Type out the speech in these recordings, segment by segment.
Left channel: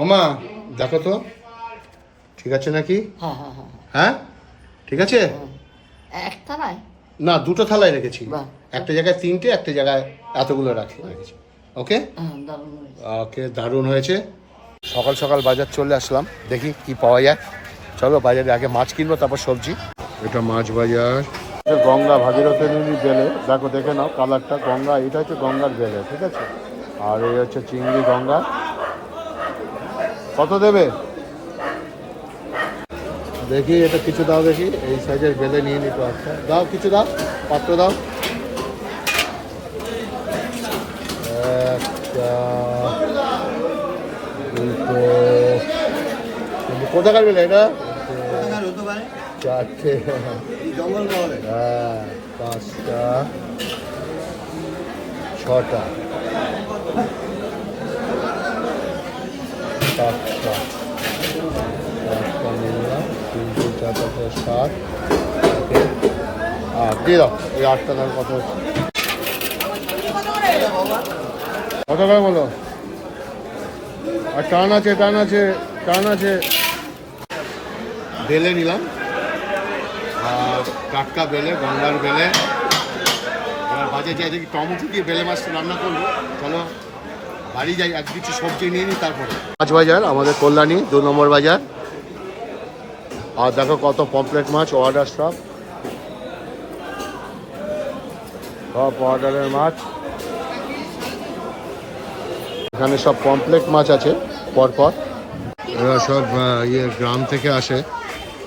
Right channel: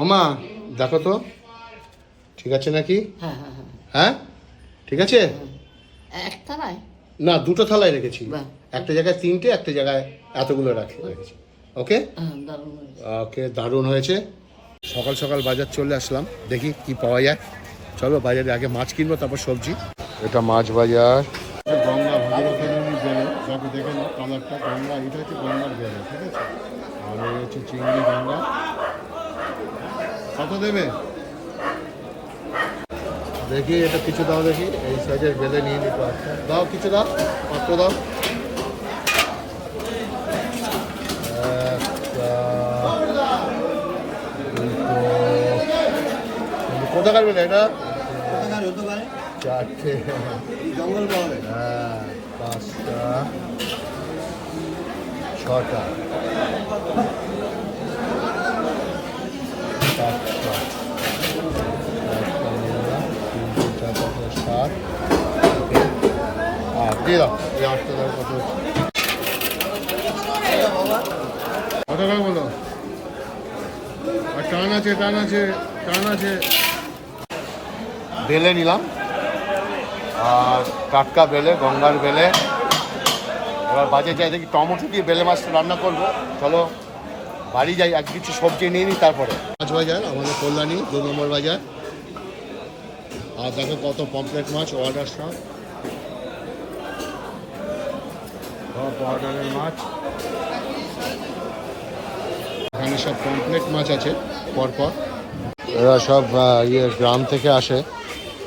ওমা দেখো তো ঠিক আছে নাকি? হ্যাঁ হ্যাঁ হ্যাঁ হ্যাঁ ঠিক আছে। একটা নয়, না দুটো থালায় রেখেছি, বাহ। একটা জায়গায় তিনটে, একটা জায়গায় এতগুলো রেখেছি। ওকে দারুণ হয়েছে। ওকে, দারুণ হয়েছে। সকাল সকাল বাজার চলে আসলাম, দেখি কি পাওয়া যায়। চলো বাজারে আগে মাছ কিনবো, তারপর সবজি। এটা মাছ বাজার, গঙ্গা ভাগীরথী নদীর বেলে, দেখো দেখে নাও কালারটা, গঙ্গা, এটা হচ্ছে গঙ্গার বেলে, ঠিক আছে। আর এই হচ্ছে চিংড়ি গঙ্গা। কত দেবে দেখি, এটা কিছু দাও দেখি, এই সাইজের বেলে নিয়ে নিতে। আচ্ছা দাও, কিছু দাও, পাত্র দাও। কোথাকার বেলে এটা? চারটে, হ্যাঁ, পাঁচটা, ছটা, সাতটা, একটা নিলাম, 3, 4, 5, 7, আর দিয়ে দাও ওই 8টা দাও। কত কত করে বলো? আর টান আছে, টান আছে, টান আছে। বেলে নিলাম, আর টাটকা বেলে, গঙ্গার বেলে। এবার বাজে যাই দেখি, টমেটো দিয়ে বেলে মাছটা রান্না করবো। চলো বাড়ি যাই, এক কিছু সবজি নিয়ে নিই তারপরে। মাছ বাজার আমাদের কল্যাণী 2 নম্বর বাজার। আর দেখো কত পমফ্রেট মাছ অর্ডার, সব অর্ডারের মাছ। এখানে সব পমফ্রেট মাছ আছে পরপর, এরা সব গ্রাম থেকে আসে।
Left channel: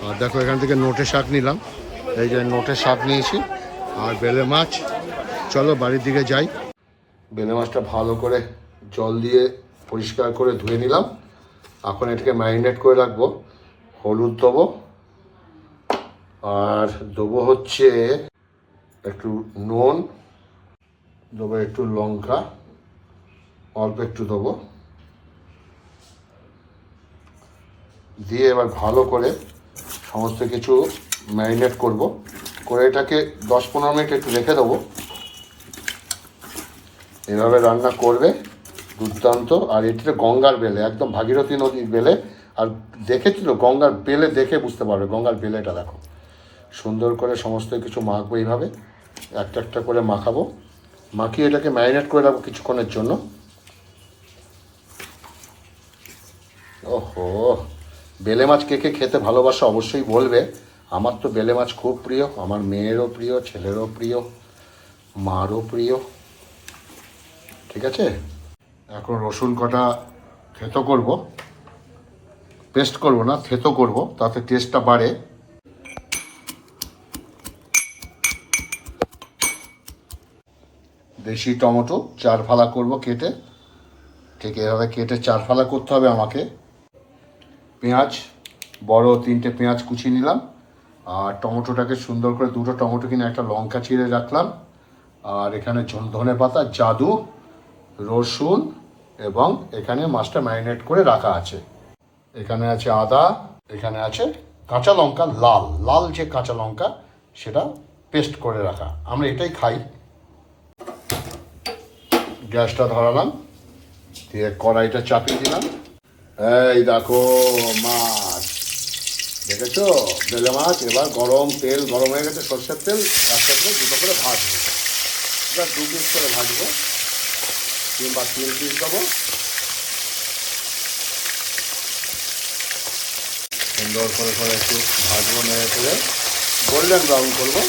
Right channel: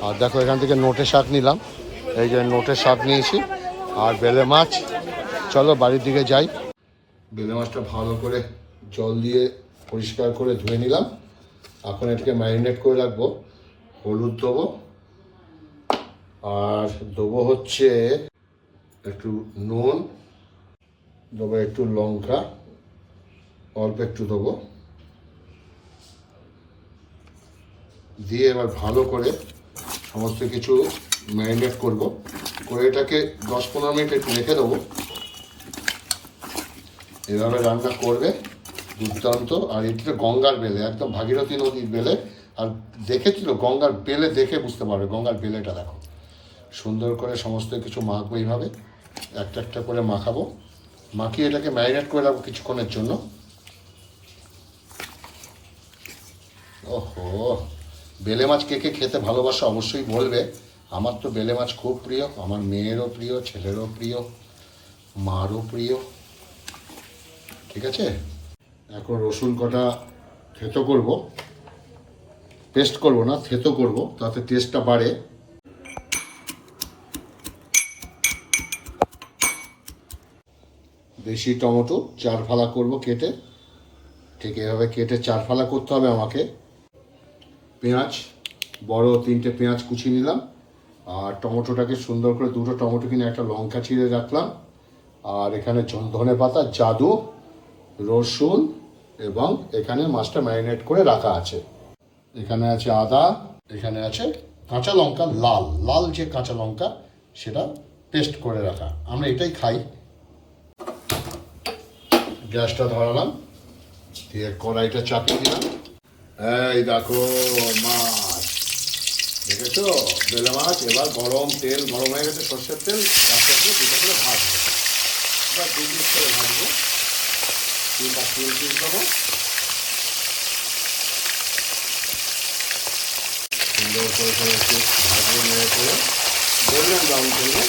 আর দেখো এখান থেকে নোটে শাক নিলাম, এই যে নোটের শাক নিয়েছি, আর বেলে মাছ। চলো বাড়ির দিকে যাই। বেলে মাছটা ভালো করে জল দিয়ে পরিষ্কার করে ধুয়ে নিলাম। এখন এটাকে ম্যারিনেট করে রাখবো। হলুদ দেবো, আর দেবো হচ্ছে একটু নুন, দেবো একটু লঙ্কা, অল্প একটু দেবো, দিয়ে এবার ভালো করে সমস্ত কিছু ম্যারিনেট করব। করে এটাকে 10-15 মিনিট একটু রেখে দেবো। এভাবে রান্না করবে, দুর্দান্ত। আর এটিতে গঙ্গার বেলে, একদম ভাগীরথী নদীর বেলে। আর দেখেছিল গঙ্গার বেলে, দেখে বুঝতে পারবে গঙ্গার বেলেটা দেখো। সুন্দর করে সমস্ত কিছু মাখবো এইভাবে, একটা একটা করে মাখাবো। মাখিয়ে এটাকে ম্যারিনেট করে রাখবো কিছুক্ষণের জন্য। ওহো, বেলে মাছ কে কে খেতে ভালোবাসে অবশ্যই বলবে। আমার তো বেলে মাছ খুব প্রিয়, আমার মেয়েরও প্রিয়, ছেলেরও প্রিয়, মারও প্রিয়। ঠিক আছে, এখন রসুন কটা থেতো করব, পেস্ট করব না, থেতো করব, তাতে টেস্টটা বাড়ে। দেশি টমেটো 4 ফালা করব কেটে, ঠিক এভাবে কেটে 4 ফালা করতে হবে আমাকে। পেঁয়াজ, বড় 3টে পেঁয়াজ কুচিয়ে নিলাম। আর টমেটোটাকে সুন্দর করে, 2টো টমেটো কিনে একটা লঙ্কা চিড়ে রাখলাম। আর এখানে ধনে পাতা, জাদু, রসুন, এবং এখানে মাছটা ম্যারিনেট করে রাখা আছে। এখানে আছে আদা, এখানে আছে কাঁচা লঙ্কা, লাল লাল যে কাঁচা লঙ্কা, সেটা পেস্ট করে রাখা। আমরা এটাই খাই। গ্যাসটা ধরালাম, দিয়ে কড়াইটা চাপিয়ে দিলাম। এই দেখো মাছ, দেখেছো বেলে মাছ। এবার গরম তেল, গরম হয়ে গেছে, সর্ষের তেল, একটা করে 2টো করে ভাজবো। এবার 2 পিস করে ভাজবো, কিংবা 3 পিস দেবো। সুন্দর করে একটু ভাজবো, নেড়ে করে গোল্ডেন ব্রাউন করবো।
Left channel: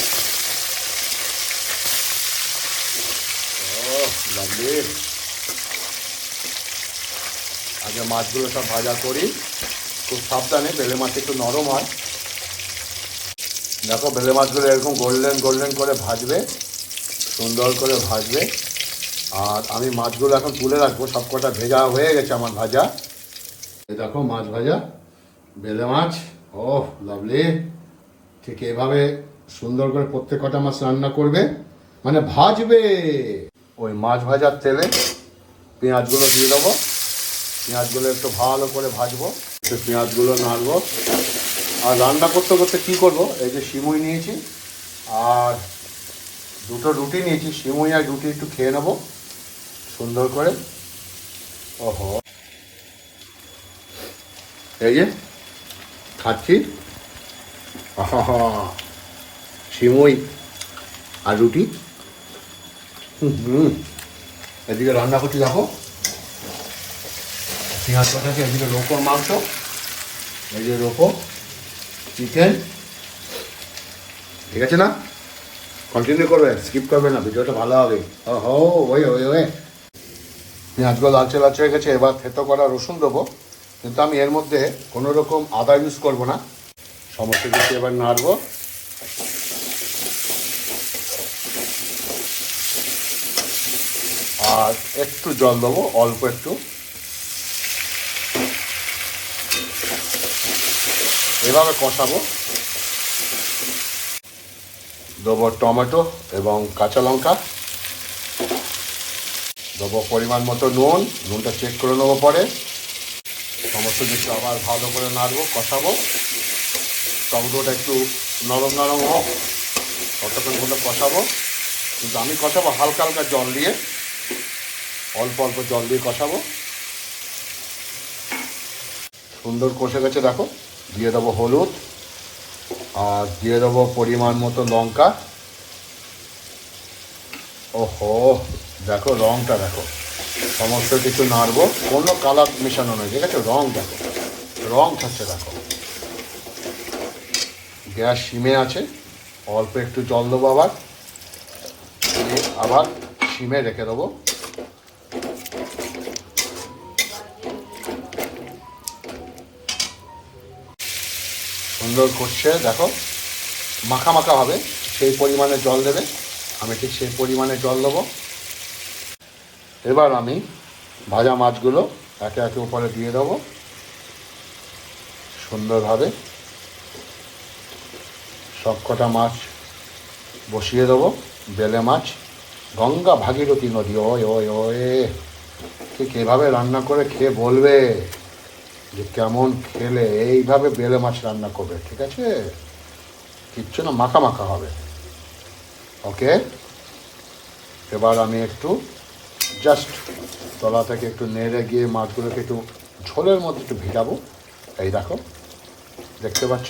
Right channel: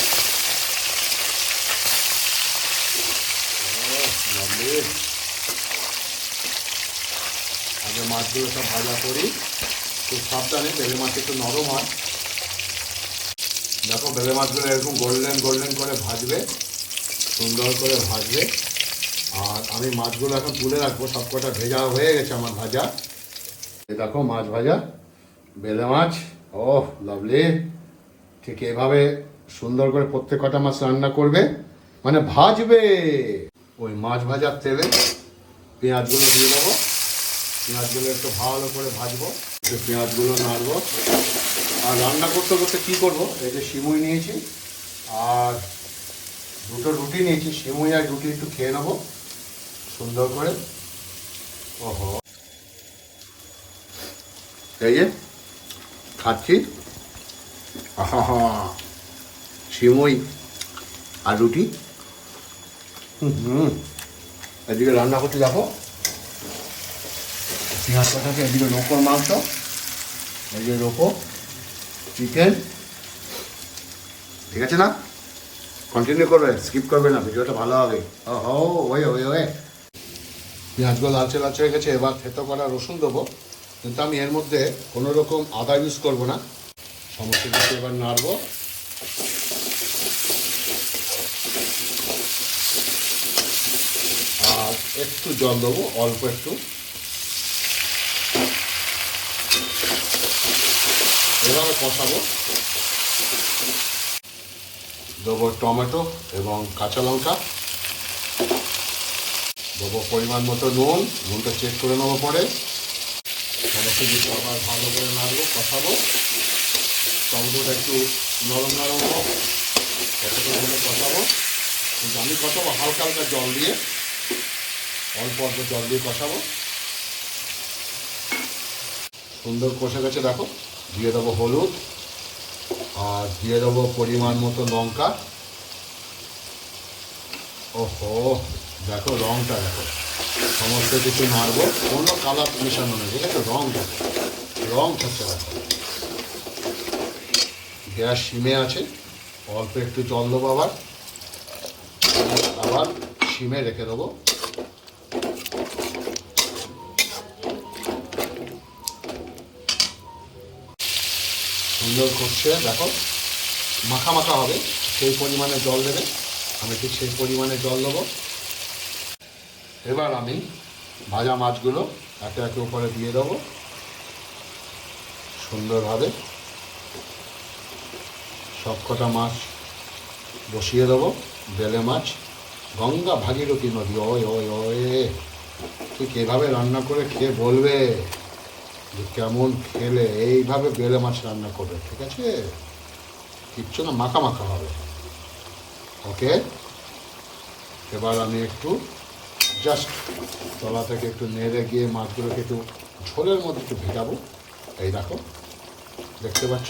লাভলি। আগে মাছগুলো সব ভাজা করি, খুব সাবধানে, বেলে মাছ একটু নরম হয়। দেখো বেলে মাছগুলো এরকম গোল্ডেন গোল্ডেন করে ভাজবে, সুন্দর করে ভাজবে। আর আমি মাছগুলো এখন তুলে রাখবো, সব কটা ভেজা হয়ে গেছে আমার ভাজা। এই দেখো মাছ ভাজা, বেলে মাছ। ওহ লাভলি। ঠিক এভাবে সুন্দর করে প্রত্যেক কটা মাছ রান্না করবে, মানে ভাজবে। ওই মাছ ভাজার তেলে পেঁয়াজগুলো দিয়ে দেবো। পেঁয়াজগুলো একটু ভালো করে ভাজবো, একটু পেঁয়াজগুলো নাড়বো। আর রান্না করতে করতে কী করবো, এই যে সিমুই নিয়েছি, আর 2টো রুটি নিয়েছি। সিমুই আর রুটি একটু খেয়ে নেবো সুন্দর করে। ওহো, এই যে খাচ্ছি, আহা সিমুই আর রুটি। এদিকে রান্না করতে দেখো পেঁয়াজ কাটাকে, এদিকে রোকোর মাংস, এই যে রোকো চিকেন। ঠিক আছে না? কন্টিনিউ করবে, স্কিপ করবে না, ভিডিওটা ভালো হবে। ও ওই ওই ওই পেঁয়াজগুলো লালচে লালচে হয়ে গেছে। এবার থেতো করা রসুন দেবো, কিন্তু আমি এর মধ্যে কোনো রকম আদা ইউজ করবো না। সমস্ত কিছু এবার নাড়বো। আর একটু জল দেবো, অল্প একটু। এভাবে কষাবো। দেবো টমেটো এবং কাঁচা লঙ্কা, দেবো পরিমাণ মতো নুন, নুনটা চেক করে নেবো পরে। সমস্ত কিছু আবার ভালো করে নাড়বো, কষাবো। টমেটোটা একটু নরম নরম হোক, কতক্ষণ হলে কষাবো। কিন্তু আমি কষাবো হালকা হালকা জল দিয়ে, অল্প অল্প জল দিয়ে কষাবো। সুন্দর কষে গেছে দেখো। দিয়ে দেবো হলুদ, আর দিয়ে দেবো পরিমাণ মতো লঙ্কা। ওহো দেখো রঙটা দেখো, সমস্ত কিছু নাড়বো, কোনো কালার মেশানো নেই, ঠিক আছে? রঙ দেখো, রঙ থাকছে দেখো। গ্যাস সিমে আছে, অল্প একটু জল দেবো, আবার সিমে রেখে দেবো। সুন্দর কষছে দেখো, মাখা মাখা হবে, সেই পরিমাণে জল দেবে। আমি ঠিক সেই পরিমাণে জল দেবো। এবার আমি ভাজা মাছগুলো একে একে উপরে দিয়ে দেবো সুন্দরভাবে। সব কটা মাছ বসিয়ে দেবো। বেলে মাছ, গঙ্গা ভাগীরথী নদী, ওই ওই ওই। ঠিক এভাবে রান্না করে খেয়ে বলবে যে কেমন খেলে। এইভাবে বেলে মাছ রান্না করবে, ঠিক আছে? কিচ্ছু না, মাখা মাখা হবে। ওকে, এবার আমি একটু জাস্ট তলা থেকে একটু নেড়ে গিয়ে মাছগুলোকে একটু ঝোলের মধ্যে একটু ভিজাবো। এই দেখো, দেখতে পাচ্ছ?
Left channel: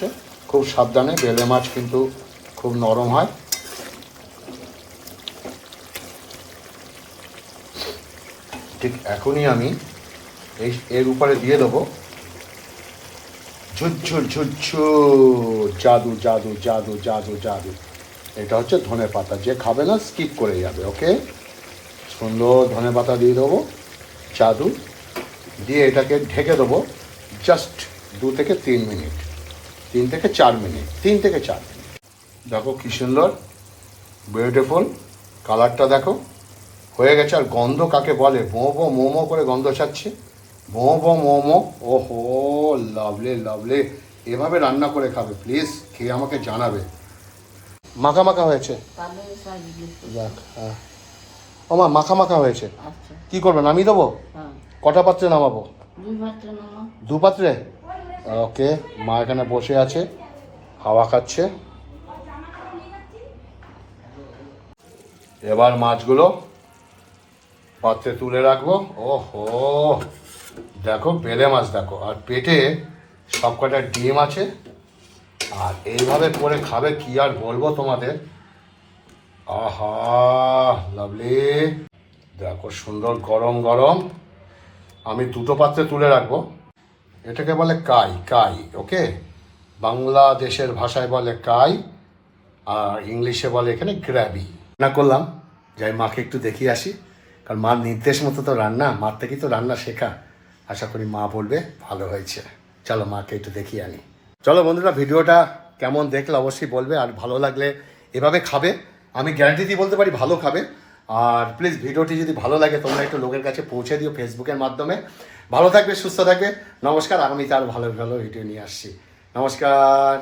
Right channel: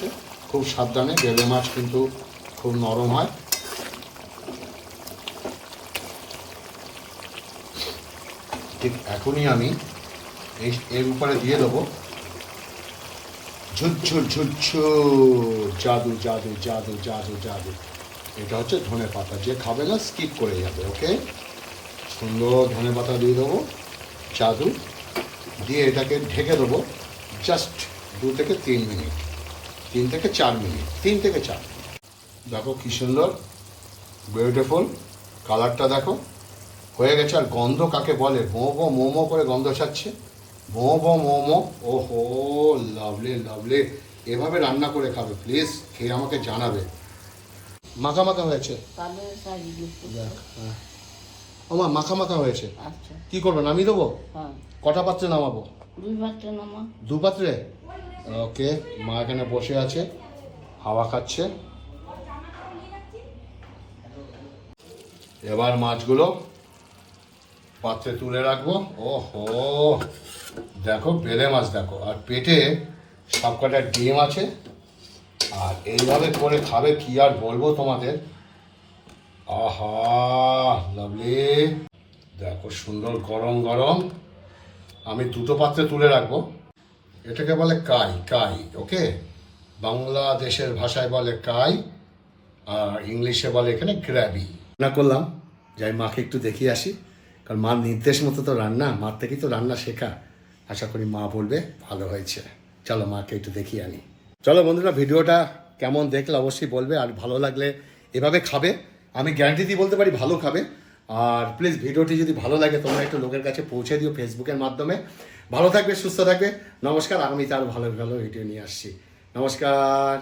খুব সাবধানে, বেলে মাছ কিন্তু খুব নরম হয়। ঠিক এখনই আমি এর উপরে দিয়ে দেবো ঝুরঝুর ঝুরঝুর, জাদু জাদু জাদু জাদু জাদু। এটা হচ্ছে ধনে পাতা, যে খাবে না স্কিপ করে যাবে। ওকে, সুন্দর ধনে পাতা দিয়ে দেবো, জাদু দিয়ে এটাকে ঢেকে দেবো জাস্ট 2 থেকে 3 মিনিট, 3 থেকে 4 মিনিট, 3 থেকে 4। দেখো কি সুন্দর বিউটিফুল কালারটা দেখো, হয়ে গেছে। আর গন্ধ কাকে বলে, বো বো মোমো করে গন্ধ ছাড়ছে, বো বো মোমো। ওহো লাভলি লাভলি। এভাবে রান্না করে খাবে, প্লিজ খেয়ে আমাকে জানাবে। মাখা মাখা হয়েছে, যাক। হ্যাঁ ও মা, মাখা মাখা হয়েছে। আচ্ছা, কি করবে, নামিয়ে দেবো? হ্যাঁ, কটা পাত্রে নামাবো? 2 পাত্রে নামাও। 2 পাত্রে? ওকে, মা এখানে বসে আছে, হাওয়া খাচ্ছে। এবার মাছগুলো পাত্রে তুলে রাখবো। ওহো দেখো বেলে মাছ দেখো, আর পেটে সব কটা ডিম আছে। আর এইভাবে করে খাবে, কি আর বলবো তোমাদের। আহা লাভলি, দেখো সুন্দর গরম গরম। আমি 2টো পাত্রে তুলে রাখবো। এটাকে বলে কাই, কাই। ওকে, বাংলাদেশের ভাষায় বলে কাই, আর ইংলিশে বলে এখানে গ্র্যাবি। রান্না করলাম, যাই মাকে একটু দেখিয়ে আসি, কারণ মার নির্দেশ মতো তো রান্না, মার থেকেই তো রান্না শেখা। আশা করি মা বলবে ভালো হয়েছে। চলো মাকে একটু দেখিয়ে আনি। চলো বন্ধুরা, ভিডিওটা কেমন দেখলে অবশ্যই বলবে, আর ভালো লাগলে এভাবে খাবে। আমি গ্যারান্টি দিয়ে বলতে পারি ভালো খাবে। আর প্লিজ ভিডিওটি যদি ভালো লাগে তোমরা একটু লোকের কাছে পৌঁছে দিও ফেসবুকের মাধ্যমে। ভালো থাকবে, সুস্থ থাকবে। নমস্কার, আগামীতে আরও ভালো ভালো ভিডিও নিয়ে আসছি। নমস্কার।